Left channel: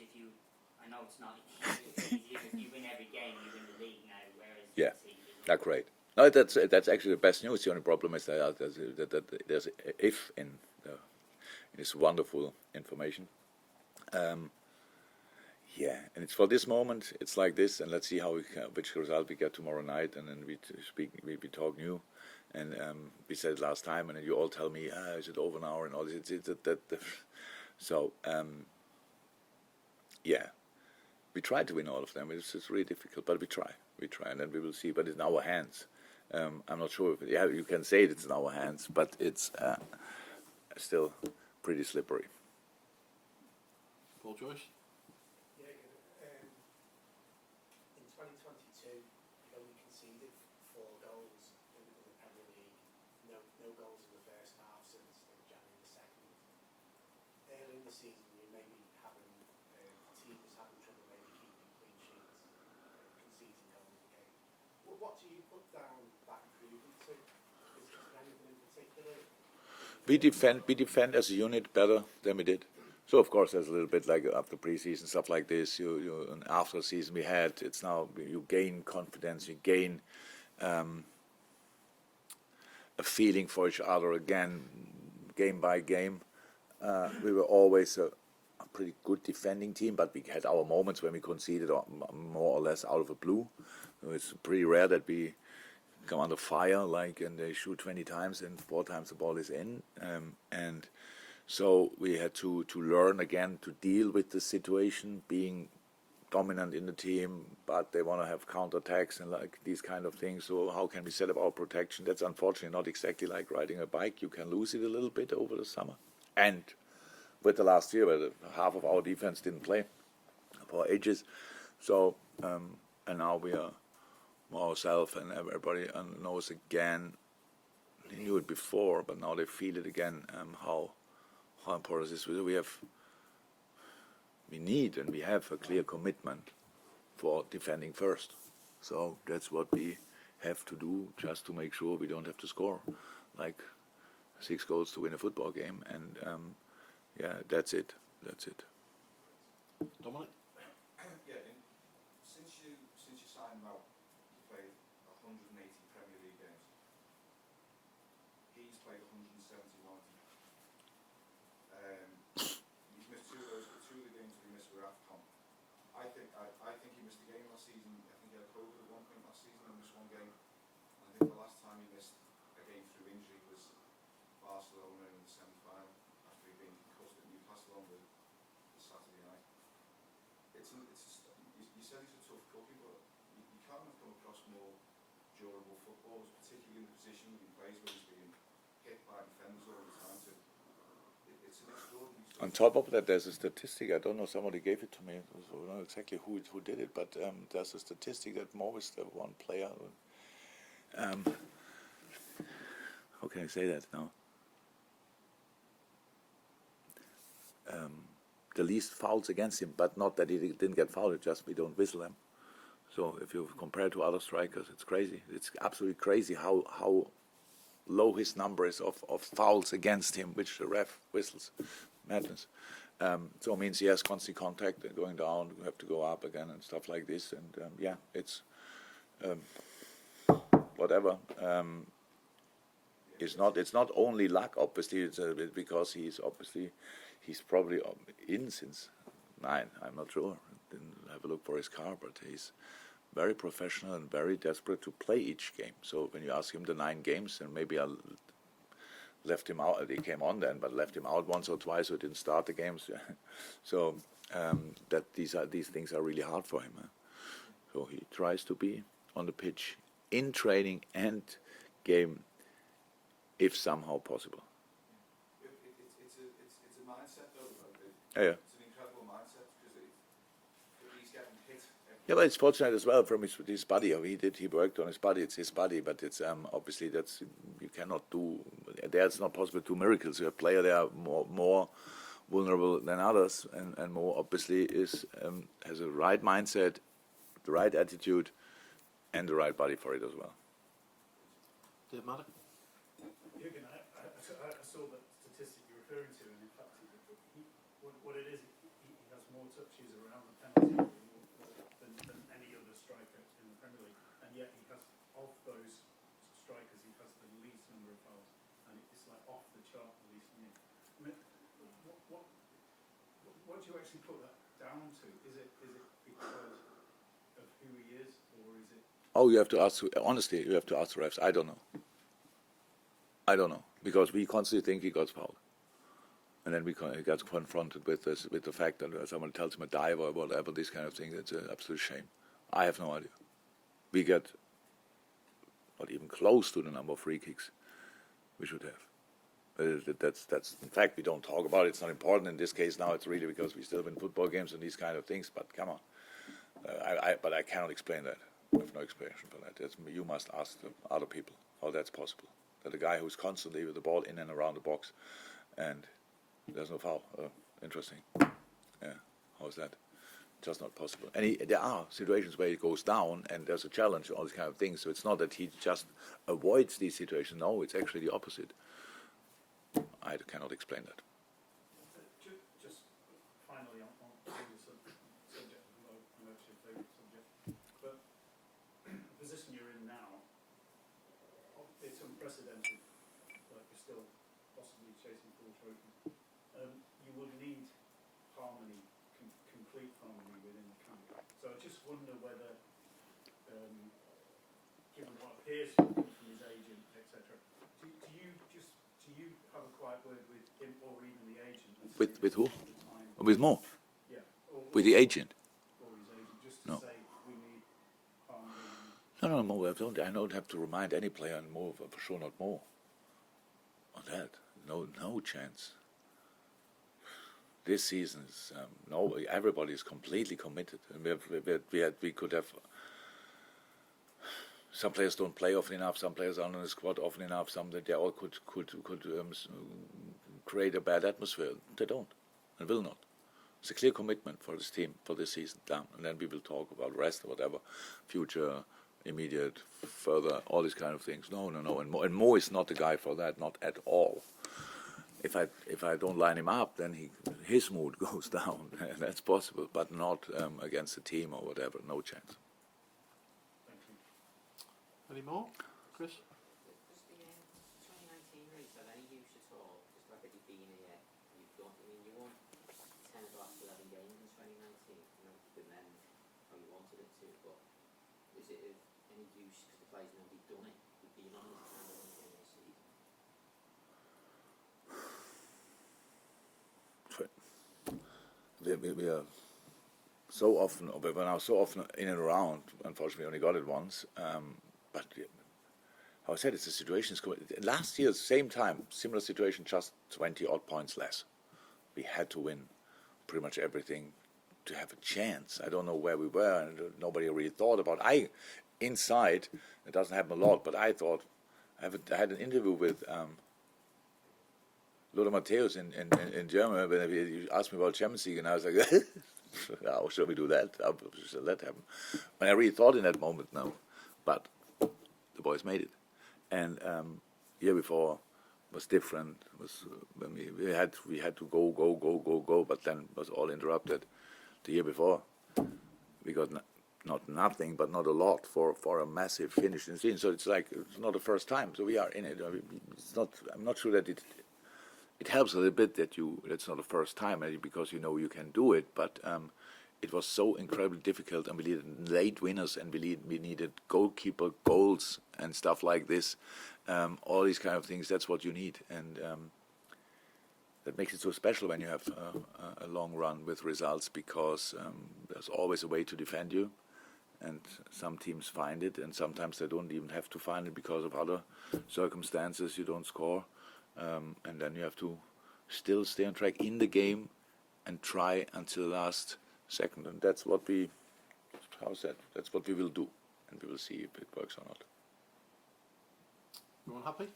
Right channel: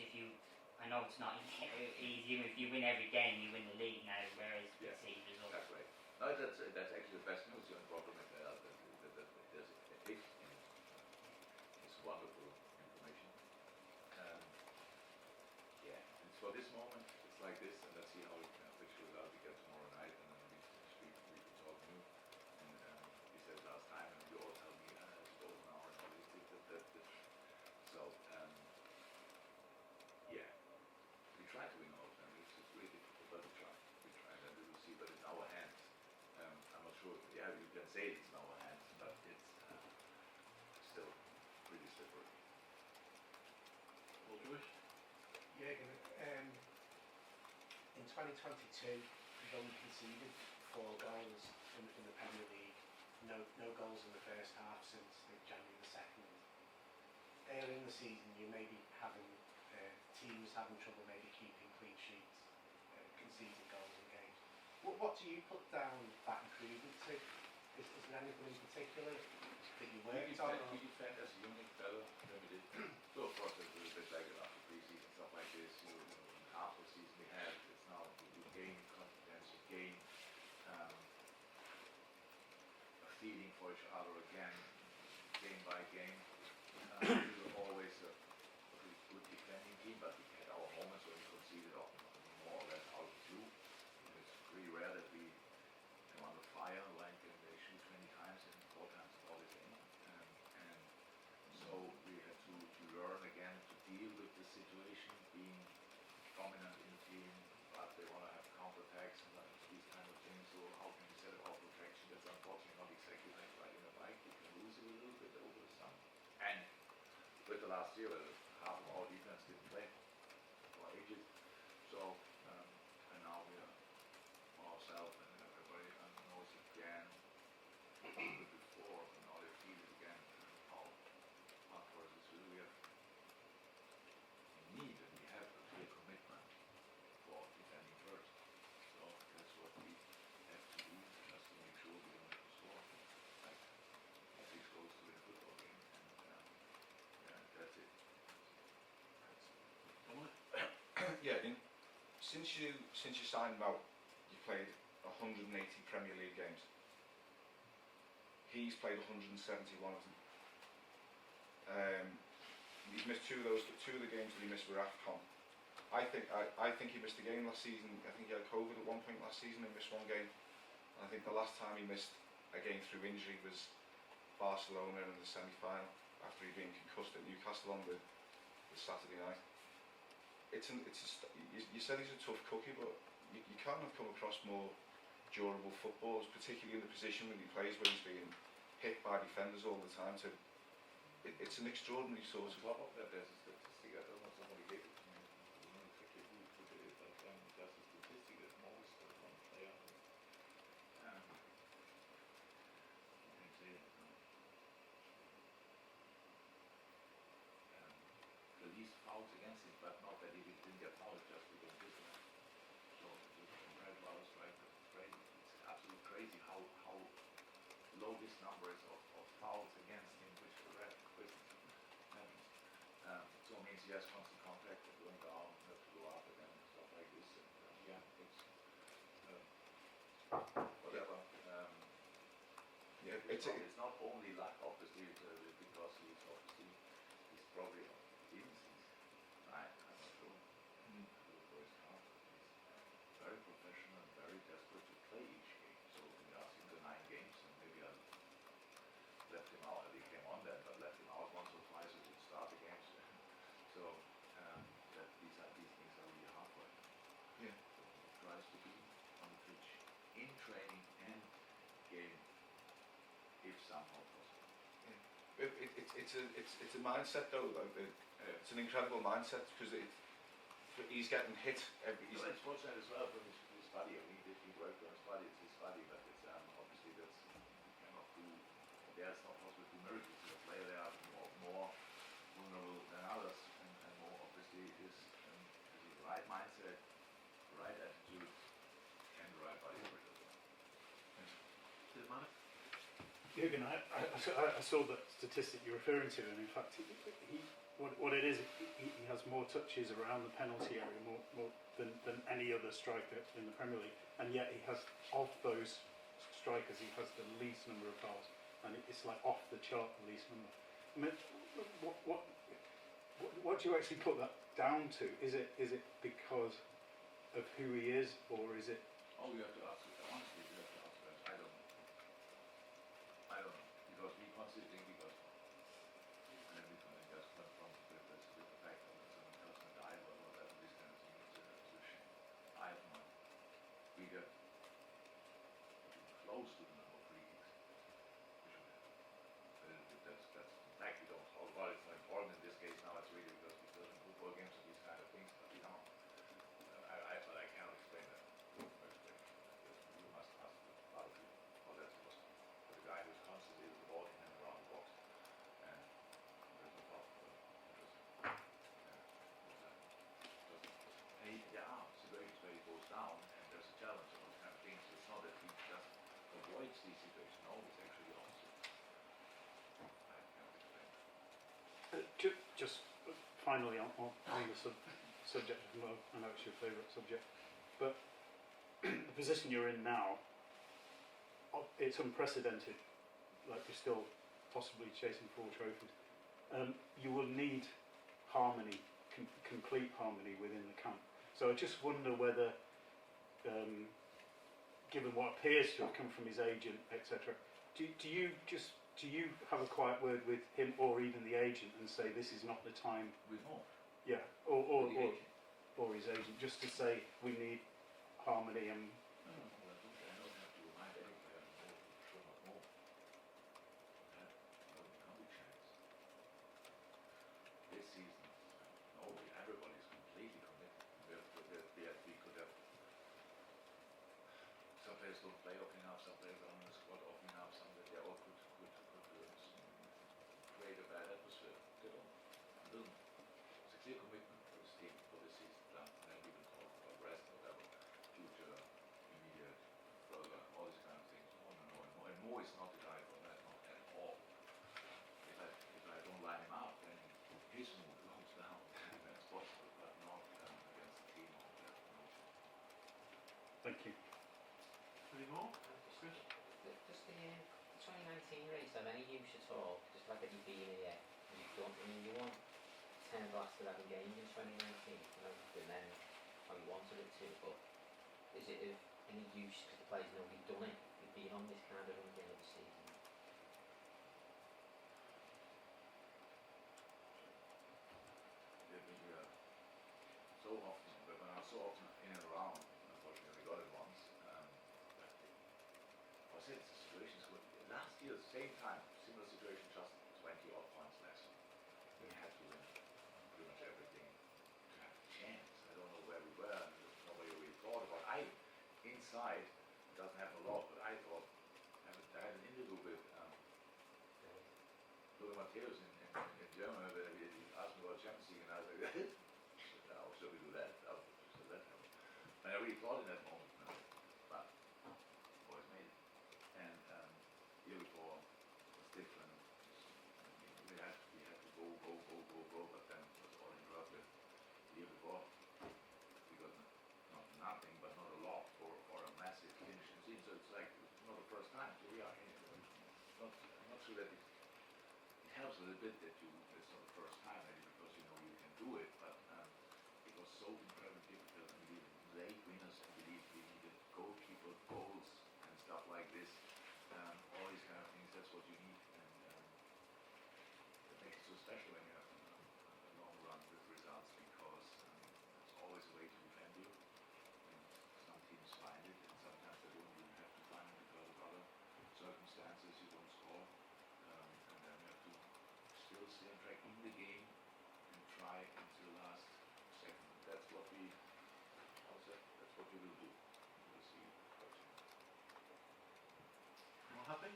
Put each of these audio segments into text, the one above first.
if you, I know it's not easy. If you win every game, you win the league now. Whereas Yeah, City, that's great. No, that's actually the best news. The only problem is that there's if in this wonderful information. Yeah, and it's for this moment. It's like this, and let's see which result we get tomorrow night, and then we talk new, and we said it last time, and then you all tell me, is it over now, and all this. So yeah, we try to win all of them. It's really difficult, but we try, and then we will see. But it's in our hands. I'm not sure. Yeah, you can say it's in our hands, but it's still pretty slippery. Paul Joyce. Jurgen, in 2022, you've only conceded 4 goals in the Premier League. No goals in the first half since January the 2nd. Early in the season, you may be having teams having trouble maybe keeping clean sheets, conceding goals in games. What do you put down that improvement to? Is there anything in particular? We defend as a unit better than we did. So of course there's a little bit like after preseason stuff like this. You after the season we had, it's now you gain confidence, you gain a feeling for each other again, game by game. We were always a pretty good defending team, but we had our moments when we conceded more or less out of the blue. It's pretty rare that we come under fire and they shoot 20 times and 4 times the ball is in, and so we had to learn again to deal with the situation, being dominant in the team, but they want to have counterattacks and like these kind of things. So how can we set up our protection? That's unfortunately not exactly like riding a bike. You can lose it a little bit over the summer, and with the last year where half of our defense didn't play for ages, so and now we are ourselves, and everybody knows again. They knew it before, but now they feel it again. How important this is. We need and we have a clear commitment for defending first. So that's what we have to do, just to make sure we don't have to score like 6 goals to win a football game. And yeah, that's it. Dominic. Yeah, since you signed him out, you played 180 Premier League games. He's played 171 of them. He's missed 2 of the games that he missed were AFCON. I think he missed a game last season. I think he had COVID at one point last season and missed 1 game. I think the last time he missed a game through injury was Barcelona in the semi-final after he'd been concussed at Newcastle on the Saturday night. You said he's a tough cookie, but you can't have come across more durable footballers, particularly in the position when he plays, where he's being hit by defenders all the time. It's an extraordinary sort. On top of that, there's a statistic. I don't know. Somebody gave it to me. I don't know exactly who did it, but there's a statistic that always the one player. How can I say that now? The least fouls against him, but not that he didn't get fouled. It's just we don't whistle them. So if you compare to other strikers, it's crazy. It's absolutely crazy how low his number is of fouls against him, which the ref whistles. Madness. So it means he has constant contact and going down, we have to go up again and stuff like this. And yeah, it's whatever. It's not only luck, obviously. It's because he's probably in since 9. I'm not sure. Didn't have a look for his car, but he's very professional and very desperate to play each game. So when you ask him the 9 games, and maybe I left him out. He came on then, but left him out once or twice, so he didn't start the games. So that these things are really hard for him. So he tries to be on the pitch in training and game, if somehow possible. It's a mindset though. Yeah. It's an incredible mindset because he's getting hit. Yeah, but it's fortunate as well from his body. He worked on his body. It's his body, but it's obviously that's you cannot do. There's not possible to do miracles. You're a player, they are more vulnerable than others, and more obviously has a right mindset, the right attitude, and the right body for it as well. Did it matter? Jurgen, I saw that statistic you're referring to, and in fact, what it is, he has more touches around the penalty area more than any other striker in the Premier League, and yet he has, of those strikers, he has the least number of fouls, and it's like off the chart the least number. I mean, what do you actually put that down to? Is it because of who he is, or is it? Oh, you have to ask. Honestly, you have to ask the refs. I don't know. Because we constantly think he got fouled, and then he gets confronted with the fact that someone tells him a dive or whatever. This kind of thing. It's an absolute shame. I have no idea. We get not even close to the number of free kicks we should have. That's in fact we don't talk about it. It's not important in this case now. It's really because we still win football games and these kind of things. But come on, but I cannot explain that. I have no explanation for that. You must ask the other people how that's possible. That the guy who's constantly with the ball in and around the box, and there's no foul. Interesting. Yeah, how's that? Just not possible. And there are situations where he goes down and there's a challenge and all these kind of things. So it's not that he just avoids these situations. No, it's actually the opposite. I cannot explain that. Just finally on the subject, I know it's your favourite subject, but the position you're in now, it's unprecedented. Like you're still possibly chasing 4 trophies. You will need harmony, complete harmony within the camp. So I just wonder whether, given what appears to come from his agent, etc., do you have a quiet word with him or even the agent and say With this who? is not the time? With Mo? Yeah. Or With the agent? Or his agent, just to No. say we need harmony and. No, Mo. I don't have to remind any player on Mo. For sure, not Mo. On that, no chance. This season is everybody is completely committed, and we could have. Some players don't play often enough. Some players aren't in the squad often enough. Some that they all could create a bad atmosphere. They don't, and will not. It's a clear commitment for this team for this season. Done, and then we will talk about the rest or whatever, future, immediate, further, all these kind of things. No. And Mo is not the guy for that, not at all. If I don't line him up, then his mood goes down. That's possible, but not against the team or whatever. No chance. Thank you. Any more? Chris? Does the 2019 race have any use at all? Just like at you've been here, you've done, I mean, you won 10 of the last 11 games in 2019. I know the men only wanted it to, but is it of any use because the players know we've done it? We've been on this kind of run this season. We are so often, but we're now so often in and around. Unfortunately, only got it once. But how I said, it's a situation. Last year, same time, similar situation, just 20 odd points less. We had to win pretty much everything to have a chance. I don't know where we were, and nobody really thought about. Inside, it doesn't happen a lot, but I thought I had an interview with. Lothar Matthäus in Germany, when he asked me about Champions League, and I was like, how shall we do that? How shall that happen? And I really thought in that moment now, but the boys made it. And year before was different. When we had to go, but then was all interrupted. The year before, we got not nothing, but not a lot for a massive finish in the season. So it's like it's not the first time. So we are in it. It's not. I'm not sure that it helps a little bit that it's not the first time because you can do it, but it was so incredibly difficult, and we needed late winners, and we needed goalkeeper goals and stuff like this, all these kind of things. That's what you need, and that makes it so special when you have a long run with results, because there's always a way to defend you, and some teams find it, and sometimes they don't even have to find it because of other circumstances. You don't score. And then you have to still stay on track in the game and try until the last second. And that's what that's what we will do. And we will see if it works or not. Everyone happy?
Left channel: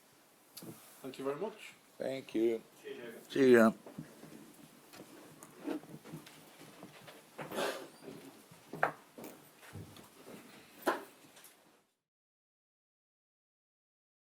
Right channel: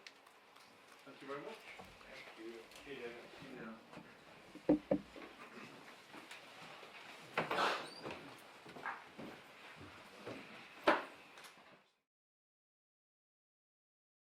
Thank you very much. Thank you. See ya.